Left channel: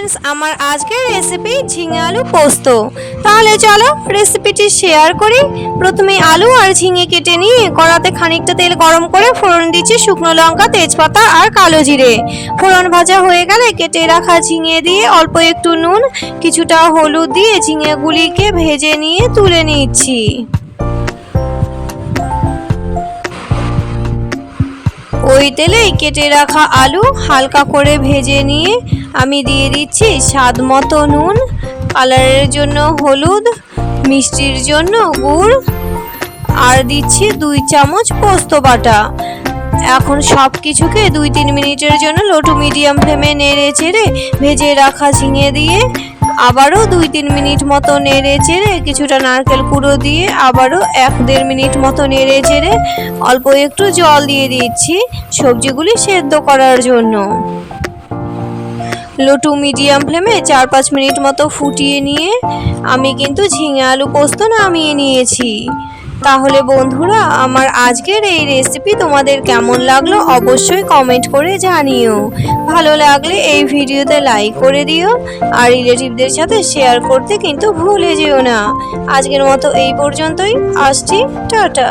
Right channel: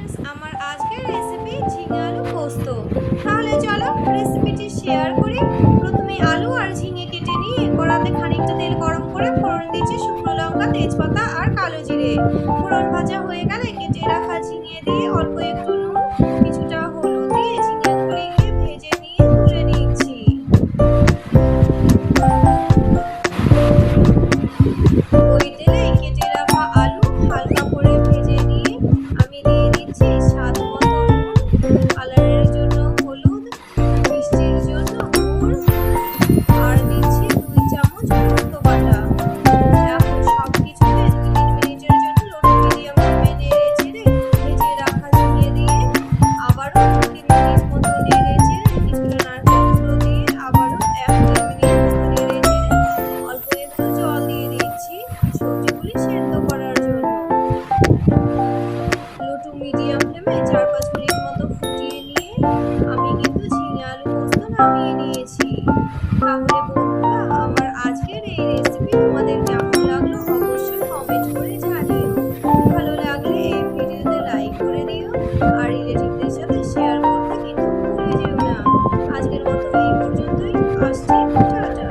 Friends, আমার আজকের recipe ঝিঙে আলু পোস্ত। তাহলে চলো রেসিপিটি শেয়ার করি। প্রথমে আলু আর ঝিঙে কেটে নিয়ে কড়াতে খানিকটা তেল গরম করে ফোড়ন দিচ্ছি শুকনো লঙ্কা, তেজপাতা আর কালো জিরে। ফোড়ন ভাজা হয়ে গেলে কেটে রাখা ঝিঙে দিয়ে অল্প একটু নুন, কিছুটা হলুদ দিয়ে ঝিঙেগুলিকে ভেজে নিয়ে তুলে নিচ্ছি। ওই তেলেই কেটে রাখা আলু হালকা করে ভেজে নিয়ে আমি দিয়ে দিচ্ছি স্বাদ মতো নুন, কালারের জন্য হলুদ, মিষ্টির জন্য গুড় আর দিচ্ছি 2 চামচ পোস্ত বাটা। এখন সব কিছুকে 2-3 মিনিটের জন্য লো টু মিডিয়াম ফ্লেমে নেড়ে চেড়ে ভেজে রাখা ঝিঙে দিয়ে আবারও 2-3 মিনিট মতো নেড়ে চেড়ে কিছুটা নারকেল কুড়ো দিয়ে আবারও 1-1.5 মিনিট মতো নেড়ে চেড়ে অল্প একটু জল দিয়ে দিচ্ছি সবজিগুলি সেদ্ধ করার জন্য। লো টু মিডিয়াম ফ্লেমে 4-5 মিনিট মতো ফুটিয়ে নিয়ে আমি কিন্তু ঝিঙে আলু পোস্ত নামিয়ে নিয়েছি। তাহলে বন্ধুরা, আমার আজকের এই রেসিপি তোমাদের কেমন লাগলো অবশ্যই কমেন্ট করে জানিও। ভালো লাগলে এই ভিডিওতে লাইক করে দিও আর রিলেটিভদের সাথে শেয়ার করতে কিন্তু ভুলে যেও না। আজকের মতো এই পর্যন্তই, আসছি, টাটা।